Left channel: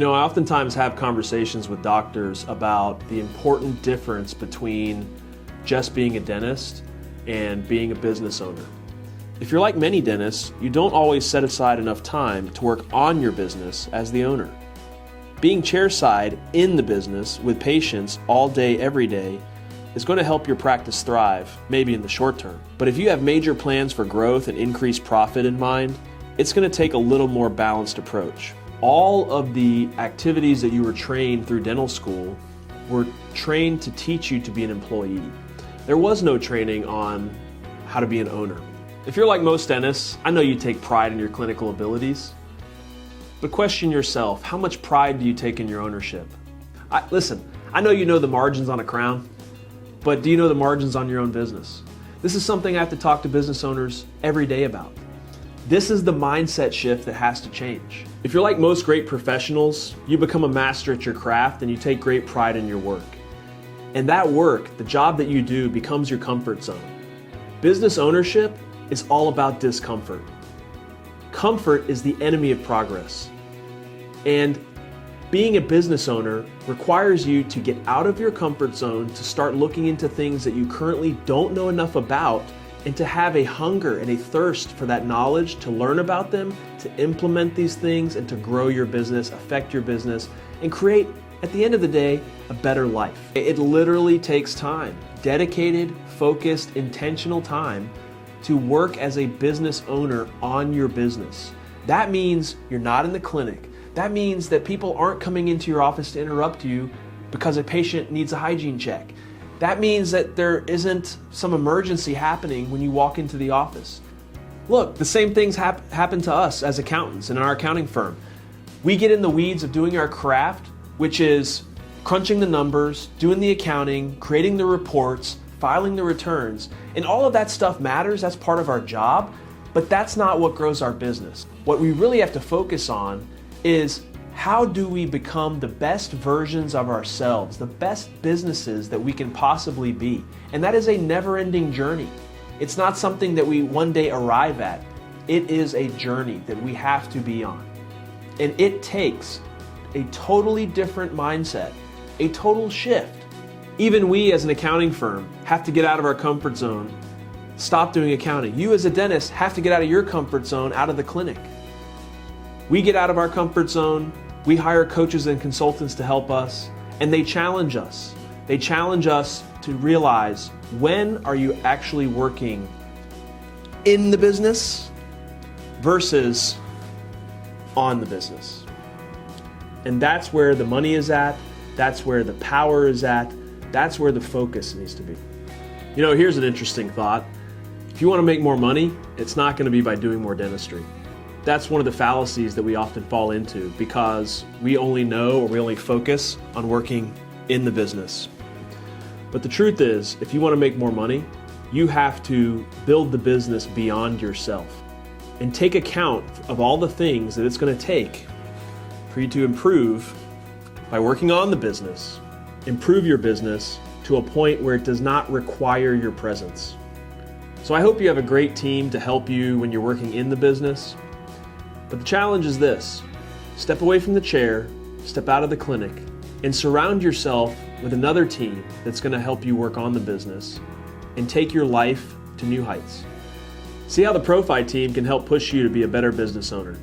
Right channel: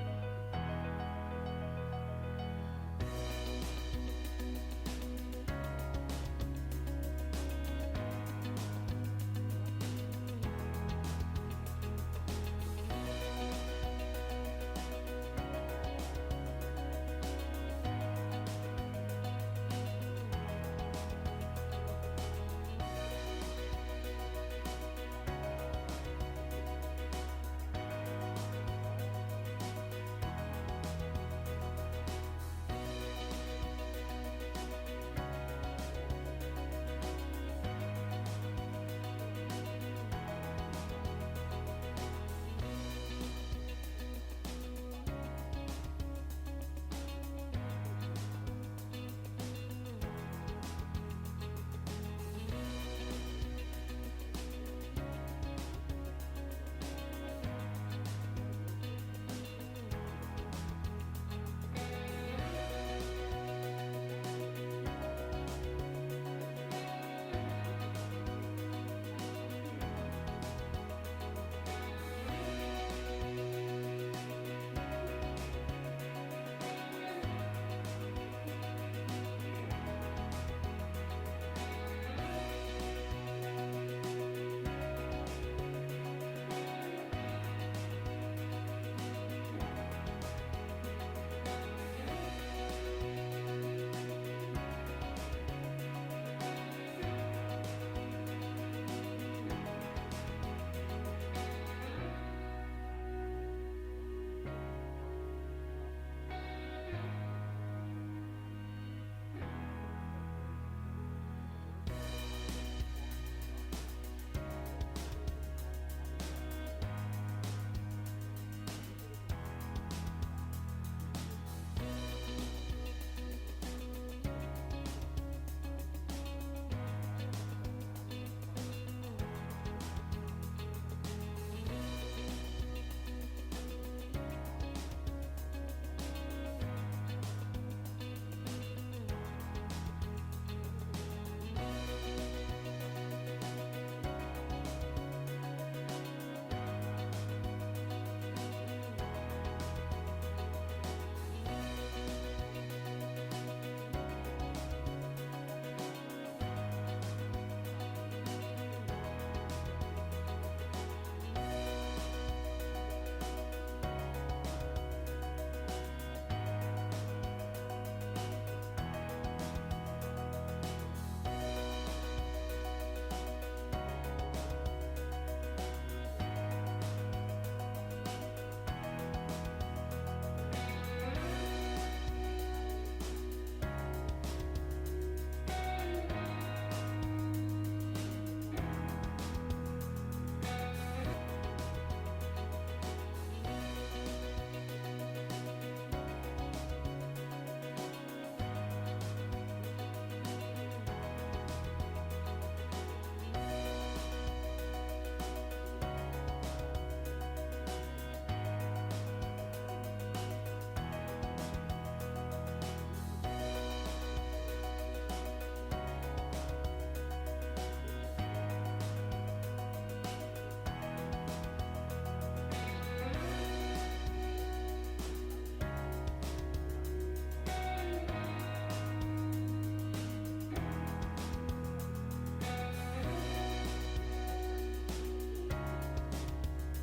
You know, I oftentimes have conversations with doctors about the important difference between just being a dentist and being a business owner. If you're like many dentists, you don't always set aside enough time to work on your business as the owner. Being chairside in the business with patients all day, every day is going to help your practice thrive, maybe in the short term. But if you have major plans for growth and increased profit in mind, it's going to take a little more balanced approach. All of the activities that you were trained through dental school were trained to teach you to be an employee. There was no training on how to be an owner. If you're like most dentists, I know you take pride in your clinical abilities, but question yourself, how much pride do you take in your ownership? Listen, I know you know the margins on a crown, but do you know the margins on your own business? This is something I have to talk to business owners every day about. This is the mindset shift that has to change. If you're like most great professionals, you become a master at your craft and you take great pride in your work. And that work, the job that you do, becomes your comfort zone. Business ownership is all about discomfort. Comfort is the enemy of progress. And being a business owner requires you to get out of your comfort zone, to start looking into things that you currently don't know enough about, and to have a hunger and a thirst for that knowledge, to learn about them, to implement these things, and to grow your business, affect your business, and create, at the end of the day, a better life. It literally takes time, dedicated, focused, intentional time to work as a business owner on your business. That means you're not in the clinic. That means that people aren't coming into your office to interrupt you because a patient needs a hygiene check. That means that there isn't some emergency happening when you walk into the office. Look, the same things happen to us as accountants in our accounting firm. We get in the weeds of doing our craft, which is crunching the numbers, doing the accounting, creating the reports, filing the returns, and all of that stuff matters. That's part of our job, but that's not what grows our business. What we really have to focus on is how do we become the best versions of ourselves, the best businesses that we can possibly be? And that is a never-ending journey. It's not something that we one day arrive at. It is a journey that we have to be on. And it takes a totally different mindset, a total shift. Even we as an accounting firm have to get out of our comfort zone, stop doing accounting. You as a dentist have to get out of your comfort zone, out of the clinic. We get out of our comfort zone, we hire coaches and consultants to help us, and they challenge us. They challenge us to realize, when are you actually working in the business versus on the business? And that's where the money is at, that's where the power is at, that's where the focus needs to be. You know, here's an interesting thought. If you want to make more money, it's not going to be by doing more dentistry. That's one of the fallacies that we often fall into because we only know, or we only focus on working in the business. But the truth is, if you want to make more money, you have to build the business beyond yourself and take account of all the things that it's going to take for you to improve by working on the business, improve your business to a point where it does not require your presence. So I hope you have a great team to help you when you're working in the business. But the challenge is this: step away from the chair, step out of the clinic, and surround yourself with another team that's going to help you work on the business and take your life to new heights. See how the Profi team can help push you to be a better business owner.